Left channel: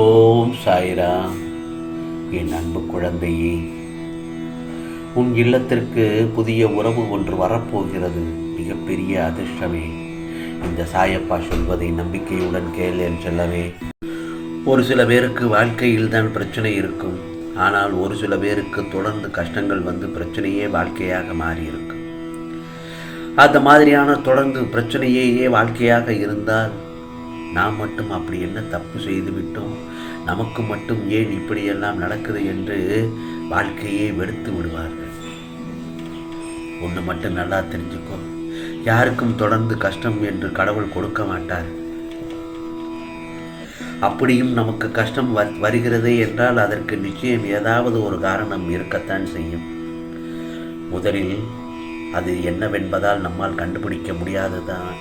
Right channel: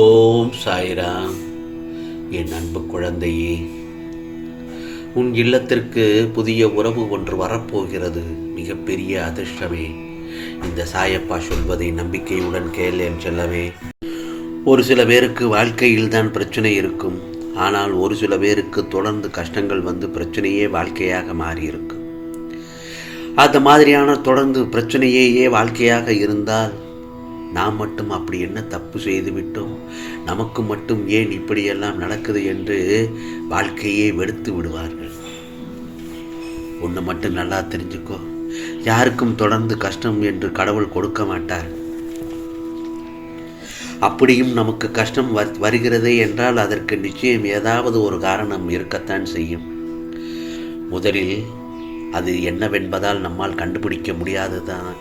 ஓம் சாய்ராம். என் அன்பு குழந்தையே, உன் இல்லத்திற்கு புதிய உறவு ஒன்று வரப்போகிறது. மிகப்பெரிய அதிர்ஷ்டமே. இந்த சாயப்பா சொல்வதை நம்பிக்கையுடன் கேள் என் செல்லவே. ஒரு சில பேருக்கு வாழ்க்கையில் தான் பிரச்சனை இருக்கும். ஆனால் ஒரு சில பேருக்கு தொடர்ந்து கஷ்டங்கள் வந்து பிரச்சனையே வாழ்க்கையாக மாறியிருக்கும். அந்த மாதிரியான தொடர்ந்து பிரச்சனையே வாழ்க்கையாக இருந்தால் நாம் மட்டும் அப்படி என்ன தப்பு செய்து விட்டோம், நமக்கு மட்டும் ஏன் இப்படியெல்லாம் நடக்குது என்று வாழ்க்கையே வெறுத்து விடுவார்கள். ஒன்று மட்டும் நல்லா தெரிஞ்சுக்கோ, யாருக்கும் தொடர்ந்து கஷ்டம் என்று கடவுள் கொடுக்க மாட்டார். அப்படியும் நமக்கு கஷ்டம் வருகிறதே என்றால் அதற்கு நிச்சயம் ஏதாவது ஒரு காரணம் இருக்கத்தான் செய்யும். முதலில் அது என்னவென்பதால் நம்மால் கண்டுபிடிக்க முடியாததான்.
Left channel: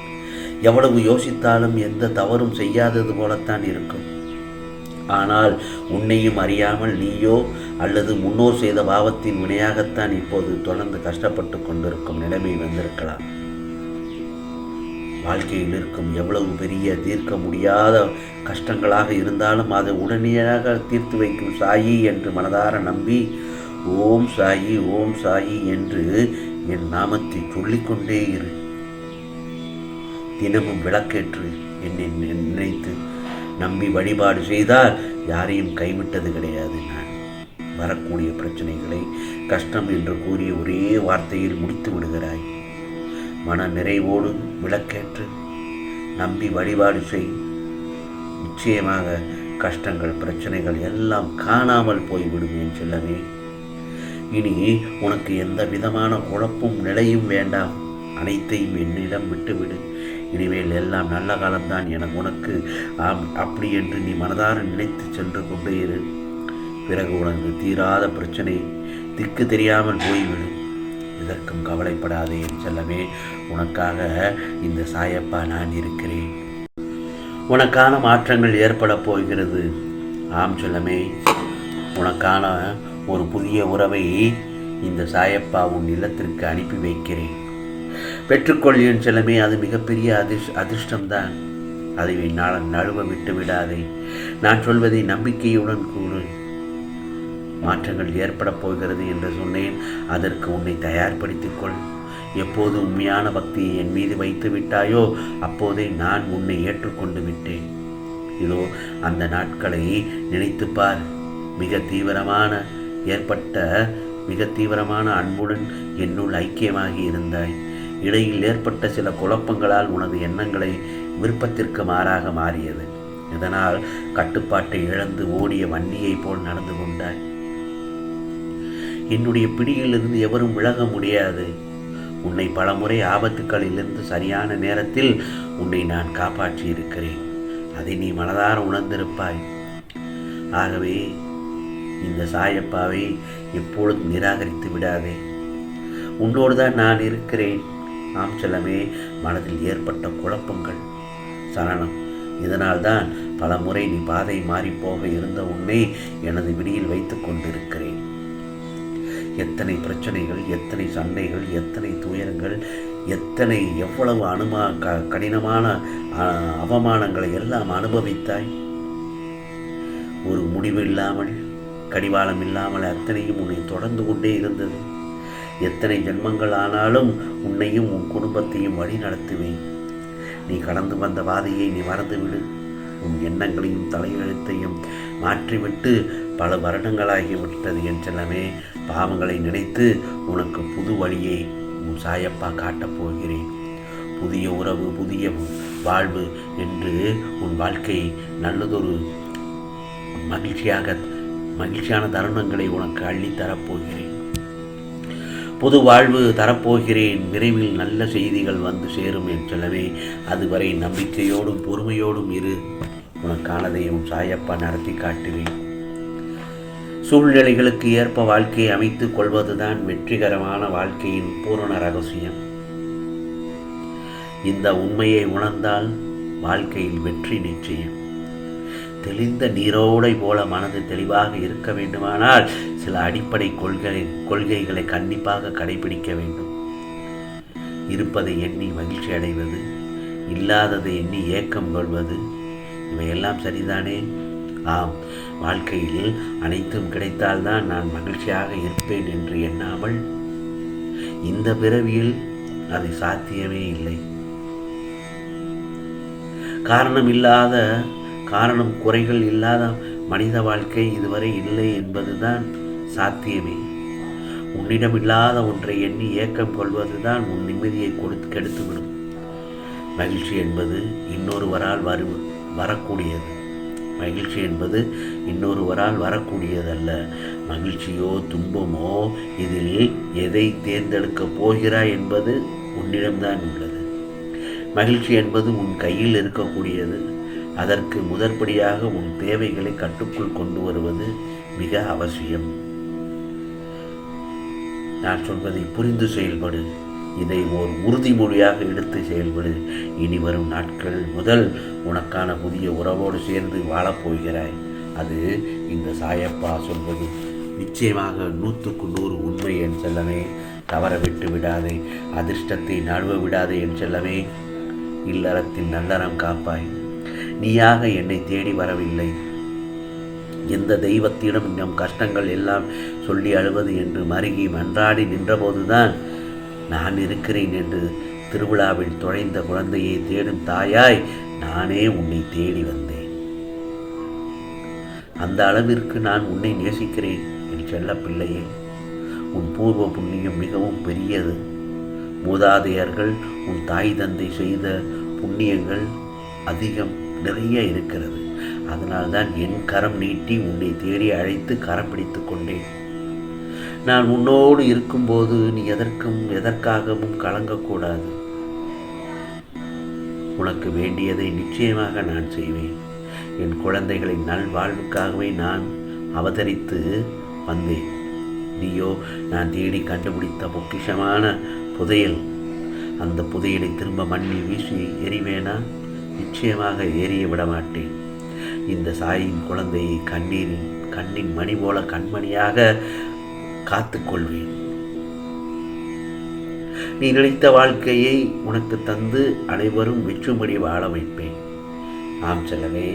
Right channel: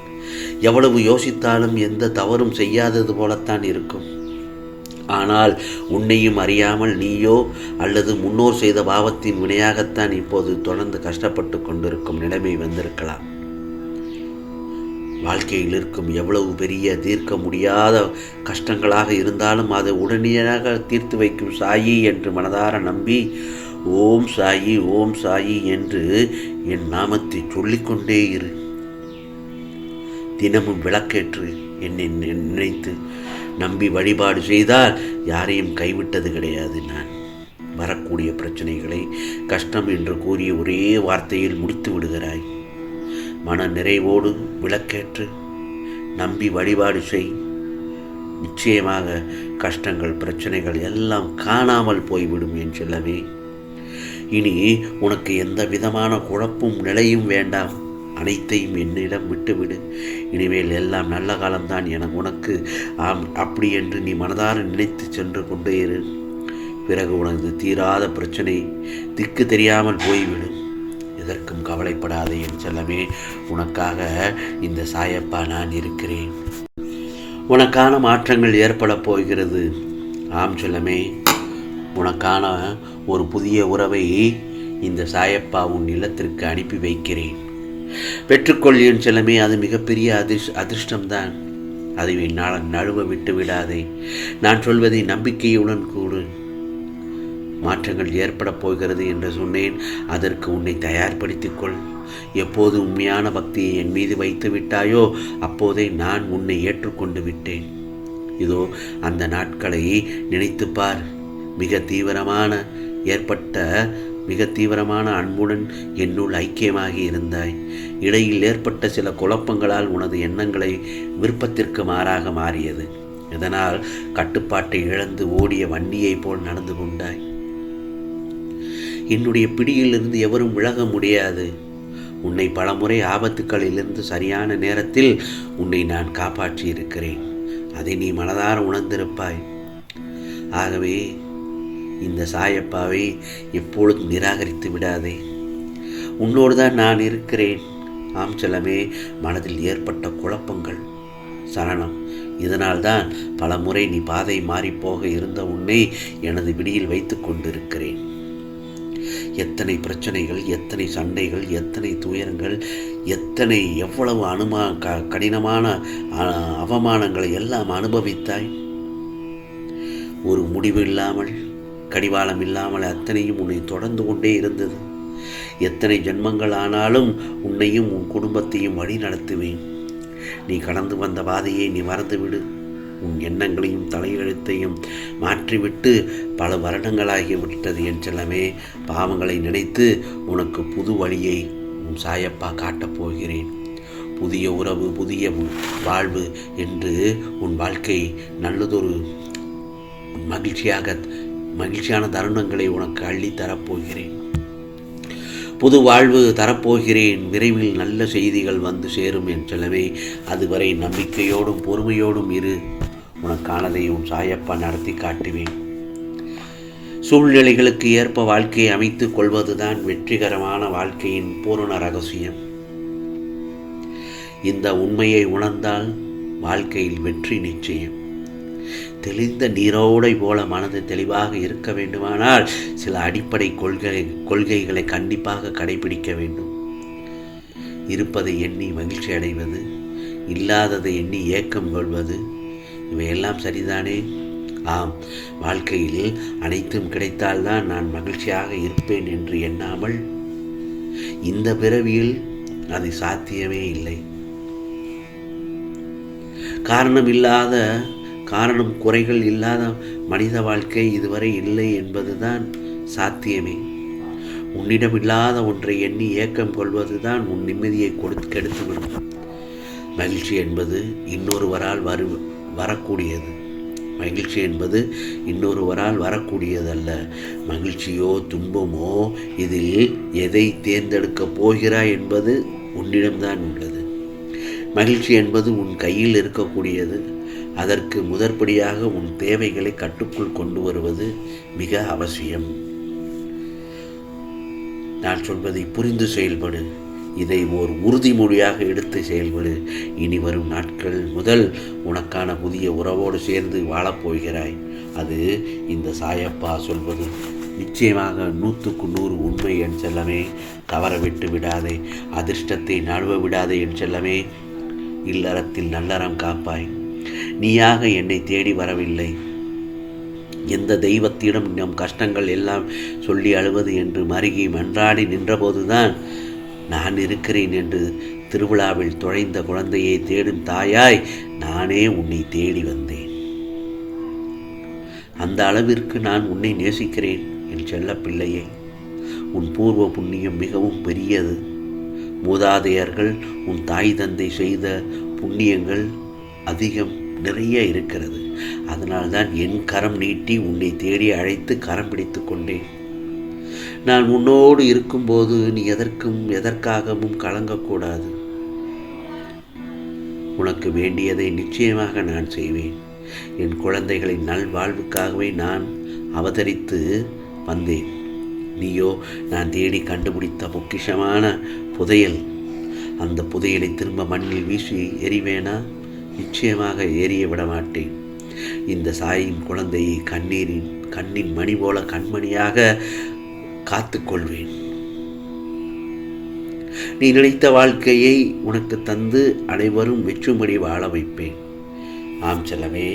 எவ்வளவு யோசித்தாலும் எந்த தவறும் செய்யாதது போலத்தான் இருக்கும். ஆனால் உன்னையும் அறியாமல் நீயோ அல்லது முன்னோர் செய்த பாவத்தின் வினையாகத்தான் இப்போது தொடர்ந்து கஷ்டப்பட்டு கொண்டிருக்கும் நிலைமை வந்திருக்கலாம். வாழ்க்கையில் இருக்கும் எவ்வளவு பெரிய தீர்க்க முடியாத கஷ்டங்களாக இருந்தாலும் அதை உடனடியாக தீர்த்து வைக்கும் சாயி என்று மனதார நம்பி ஓம் சாயி ஓம் சாயி என்று என் நாமத்தை சொல்லிக்கொண்டே இரு. தினமும் விளக்கேற்று என்னை நினைத்து நம்பி வழிபாடு செய்தால் யாரையும் கைவிட்டது கிடையாது. நான் வரக்கூடிய பிரச்சனைகளை கஷ்டம் என்று கூறிய ஒரே வார்த்தையில் முடித்து விடுகிறாய். மன நிறைவோடு விளக்கேற்று நம்பி வழிபாடு செய். நிச்சயமாக கஷ்டங்கள் பிரச்சனைகள் எல்லாம் காணாமல் போய்விடும் என் செல்லவே. இனி உனக்கு எந்த விதமான குழப்பும் நிலையும் வேண்டாம். அனைத்தையும் என்னிடம் விட்டுவிடு. இனிமேல் எல்லாம் நல்ல காலம்தான் என உனக்கு அப்படி என்று நீ மனதார நினைத்து சென்று கொண்டே இரு. பிறகு உனக்கு தீராத பிரச்சனை திக்கு தெரியாமல் போய்விடும். இதற்கும் கவலைப்படாதே என் செல்லமே. உனக்காக இந்த சாயப்பா நான் இருக்கிறேன். உனக்கான மாற்றங்கள் ஏற்பட போகிறது. ஆம் செல்லமே, உனக்கான ஒரு புதிய உறவை இந்த சாயப்பா உன் இல்லத்திற்கு அனுப்பி வைக்கிறேன். பெற்றுக்கொள் என் செல்லமே. அது மிகப்பெரிய அதிர்ஷ்டம்தான். அதை நழுவ விட்டு விடாதே. நான் சொல்வதை நம்பிக்கையுடன் கூறு. மாற்றங்கள் ஏற்பட போகிறது என்று சொன்னேன். அதற்கு உன்னை தயார்படுத்திக்கொள். எப்போது உண்மையான பக்தியை என் மீது வைத்து விட்டாயோ அப்போதே நான் உன்னை ஏற்றுக்கொண்டு விட்டேன். இதோ அந்த நாட்களை நினைத்துப்பார். மிக தீவிரமான அன்புடன் என்னுள் ஐக்கியமாகி இருந்தாய். இடையில் ஏற்பட்ட சில குழப்பங்களால் உனது எண்ணங்களை விருப்பத்திற்கு மாறாக மாறியது. இதனால் கட்டுப்பாட்டை இழந்து ஓடிய வண்டியைப் போல் நடந்து கொண்டாய். என்னுடைய பிடியிலிருந்து எவரும் விலக முடியாது. உன்னை பலமுறை ஆபத்துக்களிலிருந்து சரியான நேரத்தில் உன்னை நான் காப்பாற்றி இருக்கிறேன். அதை நீ மனதார உணர்ந்திருப்பாய். ஆகவே இந்த சாயப்பாவை எப்பொழுதும் நிராகரித்து விடாதே. உன்னோடு தான் நான் இருக்கிறேன். ஆம் செல்லமே, மனதில் ஏற்பட்ட குழப்பங்கள் சரணம். இதனால்தான் பல முறை நீ பாதை மாறிப்போக இருந்த உன்னை எனது விடியில் வைத்து கொண்டிருக்கிறேன். எத்தனை பிரச்சனைகள், எத்தனை சண்டைகள், எத்தனை துயரங்கள், எவ்வளவு கடினமான அவமானங்களை எல்லாம் அனுபவித்தாய். ஒரு முடிவு இல்லாமல், கடிவாளம் இல்லாமல் அத்தனையும் உன்னை தொடர்ந்து கொண்டே இருந்தது. எத்தனை ஜென்மங்கள் ஆனாலும் உன்னையும் உன் குடும்பத்தையும் வழி நடத்துவேன். நீ கடந்து வந்த பாதையை நீ மறந்துவிடு. உன் எண்ணங்களையும் தலையெழுத்தையும் மாற்றிவிட்டு பல வருடங்களாகிவிட்டது என் செல்லமே. பாவங்களை நினைத்து உனக்கு புது வழியை உன் சாயப்பா காட்டப் போகிறேன். புதிய உறவு, புதிய வாழ்வு என்று உன் வாழ்க்கை நல்லதொரு மகிழ்ச்சியான தருணங்களை உனக்கு அள்ளித்தரப்போகிறேன். புது வாழ்வு தரப்போகிறேன். விரைவில் நல்ல செய்திகள் வந்து சேரும் என் செல்லவே. அதுவரை நம்பிக்கையோடும் பொறுமையோடும் இரு. உனக்கானதை உன் சாயப்பா நடத்தி காட்டுவேன். சூழ்நிலைகளுக்கு ஏற்ப வாழ்க்கையை அமைத்துக் கொள்வதுதான் வெற்றிகரமான வாழ்க்கையின் பூரண ரகசியம். இந்த உண்மையை உணர்ந்தால் வாழ்க்கையில் வெற்றி நிச்சயம். தெளிந்த நீரோடை போல மனது தெளிவாக இருக்க வேண்டுமானால் சில அடிப்படை கொள்கைகளை கண்டிப்பாக கடைபிடிக்க வேண்டும். இருப்பதை எண்ணி மகிழ்ச்சி அடைவது, இல்லாததை எண்ணி ஏக்கம் கொள்வது, இவையெல்லாம் சரிதானே? ஆம், வாழ்க்கையில் அனைத்தும் கிடைத்தால்தான் நான் மகிழ்ச்சியாக இருப்பேன் என்று எண்ணாமல் இந்த பிறவியில் அது சாத்தியமே இல்லை. காரணம் குறைகள் இல்லாத மனித வாழ்க்கை இதுவரை இல்லை என்பதுதான் சாத்தியமே. உன்னிடம் இல்லாத ஒன்றை எண்ணி ஏக்கம் கொள்வதுதான் உன் நிம்மதியை கெடுத்துவிடும். மகிழ்ச்சி என்பது இன்னொருவரால் வரக்கூடியதல்ல. மகிழ்ச்சியோ துன்பமோ இதில் எதை தேர்ந்தெடுக்கப் போகிறாய் என்பது உன்னிடம்தான் உள்ளது. மகிழ்ச்சி என்பது உன் கையில் இருக்கக்கூடியது. அதற்கு முதற்படியாக உன் தேவைகளை கட்டுக்குள் கொண்டு வருவது மிக அவசியம். நான் சொல்வதை புரிந்து செயல்படு. இதை ஓர் உறுதிமொழியாக எடுத்து செயல்படு. இனி வரும் நாட்கள் முதல் உனக்கான புதிய உறவோடு சேர்ந்து வாழப்போகிறாய். அது இந்த சாயப்பா சொல்வது நிச்சயமாக 100க்கு 100 உண்மை என் செல்லமே. தவற விட்டு விடாதே. அதிர்ஷ்டத்தை நழுவ விடாதே என் செல்லமே. இல்லறத்தில் நல்லறம் காப்பாய். நீயாக என்னை தேடி வரவில்லை. எந்த தெய்வத்திடம் நம் கஷ்டங்கள் எல்லாம் சொல்லி அழுவது என்று மருகி மன்றாடி நின்றபோதுதான் நான் இருக்கிறேன் என்று திருவிழாவில் தொலைந்த குழந்தையை தேடும் தாயாய் நானே உன்னை தேடி வந்தேன். அந்த அளவிற்கு நான் உன்னை நேசிக்கிறேன் என் செல்ல பிள்ளையை. உன் பூர்வ புண்ணியம் மிகவும் பெரியது. மூதாதையர்கள் உன் தாய் தந்தை செய்த புண்ணியங்கள் அதிகம் நிறைய இருக்கிறது. அதனால்தான் என் கரம் நீட்டி உன்னை தேடி அழைத்து கரம் பிடித்து கொண்டேன். நான் உன்னோடு இருக்கும்போது நீ எதற்காகவும் கலங்கக்கூடாது. உனக்கு வேண்டியதை நிச்சயமாக நான் செய்வேன். என் குழந்தைகளின் நல்வாழ்வுக்காகவே நான் அவதரித்து வந்தேன். நீயோ நான் தேடி கண்டுபிடித்த பொக்கிஷமான புதையல். அந்த புதையலை திரும்ப மண்ணில் வீசி எறிவேனா? நிச்சயமாக ஏறிய விட மாட்டேன். இந்த சாயின் குழந்தையை கண்ணின் மணி போல கண்மணியாக காத்துக்கொள்வேன். நீ நினைத்த வாழ்க்கையை உனக்கு தந்து அனைவரும் வெற்றும்படி வாழ வைப்பேன். ஆம் செல்லவே,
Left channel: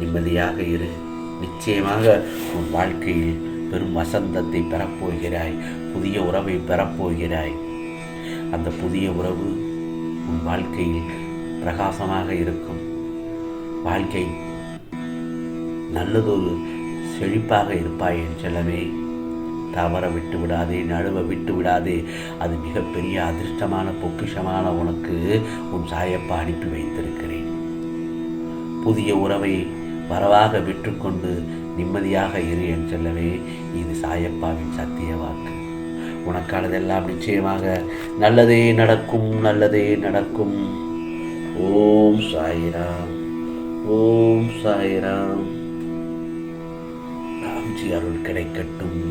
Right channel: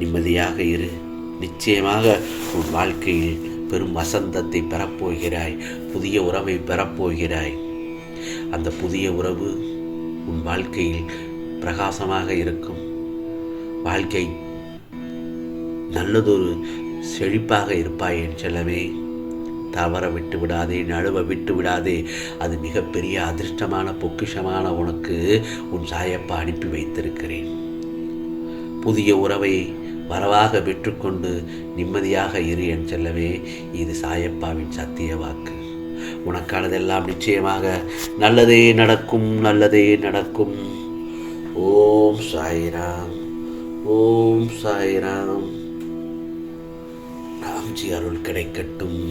நிம்மதியாக இரு. நிச்சயமாக உன் வாழ்க்கையில் பெரும் வசந்தத்தை பெறப்போகிறாய். புதிய உறவை பெறப்போகிறாய். அந்த புதிய உறவு உன் வாழ்க்கையில் பிரகாசமாக இருக்கும். வாழ்க்கை நல்லதொரு செழிப்பாக இருப்பாய் என் செல்லவே. தவற விட்டு விடாதே, நழுவ விட்டு விடாதே. அது மிகப்பெரிய அதிர்ஷ்டமான பொக்கிஷமான உனக்கு உன் சாயப்பா அனுப்பி வைத்திருக்கிறேன். புதிய உறவை வரவாக விற்றுக்கொண்டு நிம்மதியாக இரு என் செல்லவே. இது சாயப்பாவின் சத்திய வாக்கு. உனக்கானதெல்லாம் நிச்சயமாக நல்லதே நடக்கும், நல்லதே நடக்கும். ஓம் சாய்ராம், ஓம் சாய்ராம். ராம்ஜி அருள் கிடைக்கட்டும்.